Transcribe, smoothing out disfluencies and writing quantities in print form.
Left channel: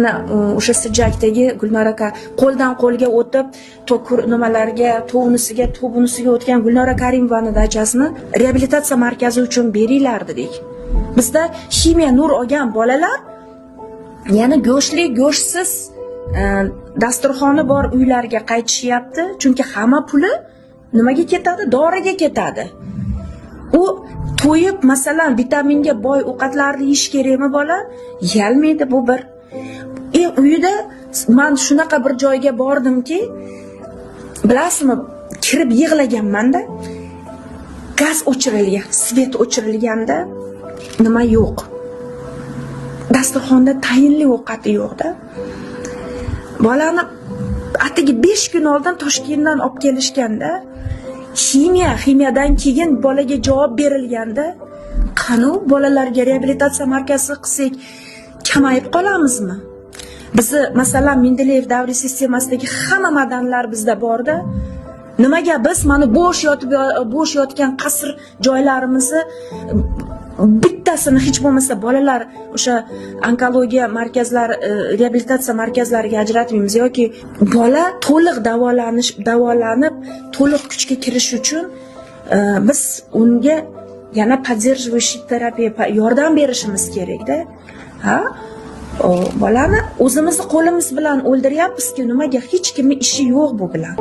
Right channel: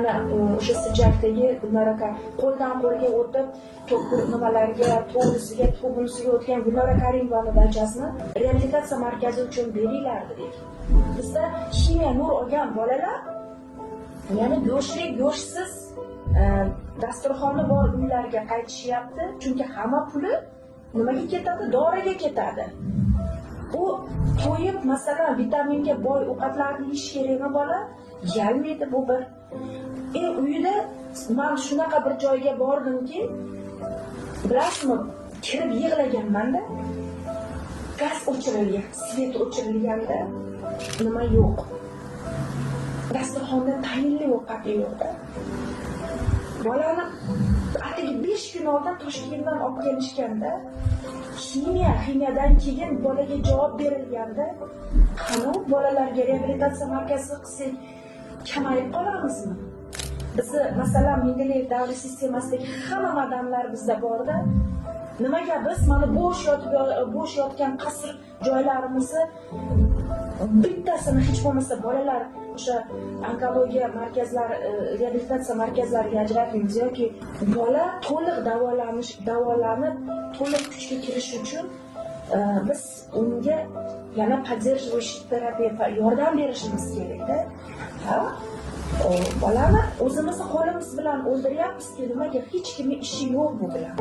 Ana o'sha Sijjakdagi Gulnora aka qo'ldan qo'lga o'tib, nimalarga, to'nisiga, to'bunisiga o'tgan Gulnora Karimovani dachasini reabilitatsiya markazi uchun beringlar dedik. Bizda ximiya nur olgan bolalar yana go'shtli, go'shtsiz dasturxoni bor uylarga qaytishyapti, chunki hamma puli nimaga ketadi? Doriga ketadi. U to'yib, masalan, vitaminga boy ovqatlarni yeyish kerakmi bola? Yalmaydi bu bir. Uyida men shunaqa bir joyga bordimki, bilasizmi, kirib yig'laganman-da. Gaz o'chirilgan, svet o'chirilganda nima yo'q. Dasturxonda tayinli ovqati yo'q-da. Bolani atigi 5 kun oldin Toshkentdan olib kelishganda, ximiyadan keyin bolaga javob berilganda, qani bolalarga reabilitatsiya markazi qilsak kamayib qolamizmi? Bizi masalan Mendeleyev davriy sistemasidagi hamma madanlar bizda borda. Nimaga biz mana bo'sh yotgan qasr joylarimizni bittasini hech bo'lmasa bolalar o'sha onkologiya markazlari, reabilitatsiya markazlariga ajratmaymiz yoki bola to'liq davolanib, to'liq kuchga kirish uchun biz unga yana поддерживающий terapiya yordam berishimiz kerak-da. Ha? Bolani o'zimizni qo'limiz bilan o'ldiryapmiz-ku, nimaga hech kimning ishi yo'q bu bilan.